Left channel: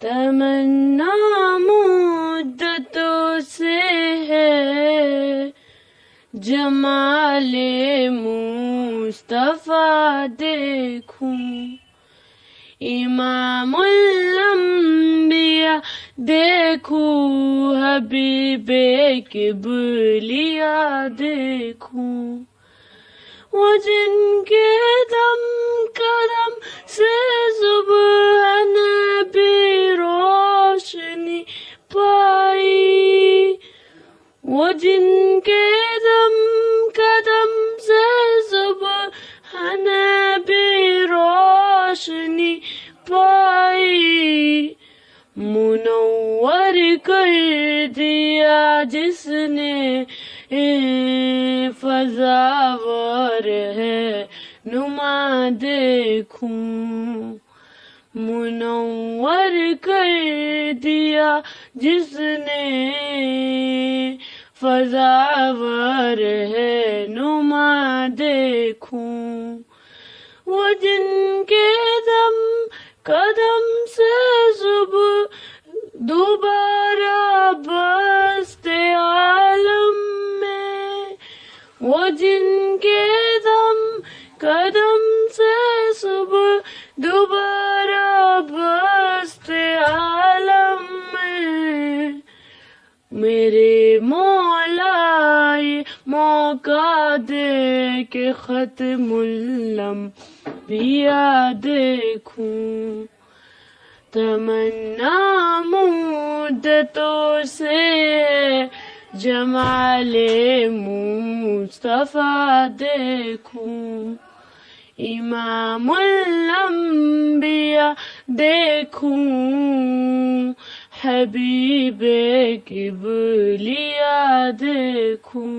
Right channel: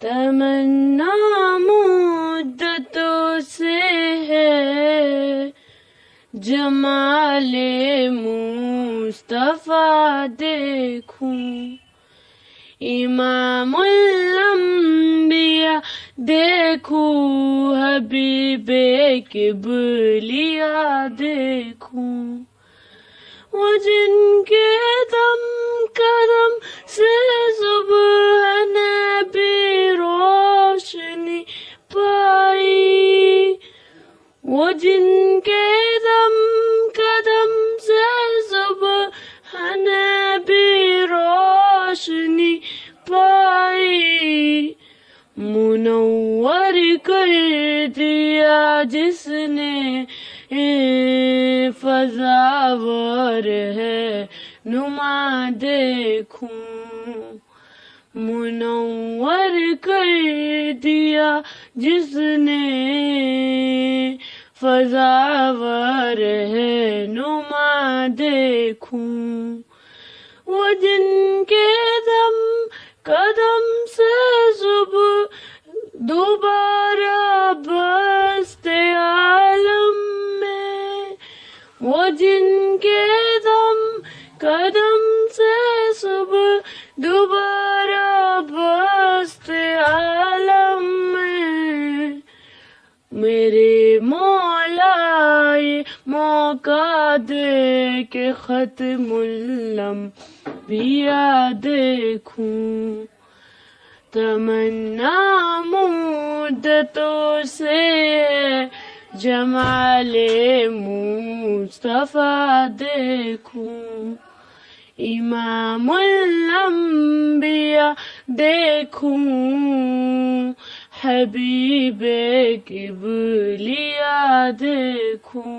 تمنا مدتوں سے ہے جمال مصطفیٰ دیکھوں، امام الانبیاء دیکھوں، حبیب کبریا دیکھوں، وہ جن کے دم قدم سے صبح نبی روشنی پائی، وہ جن کے دم قدم سے صبح نبی روشنی پائی، منور کر دیا جس نے فضا ور ہے نما دیکھوں، منور کر دیا جس نے فضا ور ہے نما دیکھوں، وہ جن کے دم قدم سے صبح دوبارہ بست عالم میں، وہ جن کے دم قدم سے صبح دوبارہ بست عالم میں، میرے مولا یہ موقع دے کہ ختم الانبیاء دیکھوں، تمنا مدتوں سے جمال مصطفیٰ دیکھوں، امام الانبیاء دیکھوں، حبیب کبریا دیکھوں۔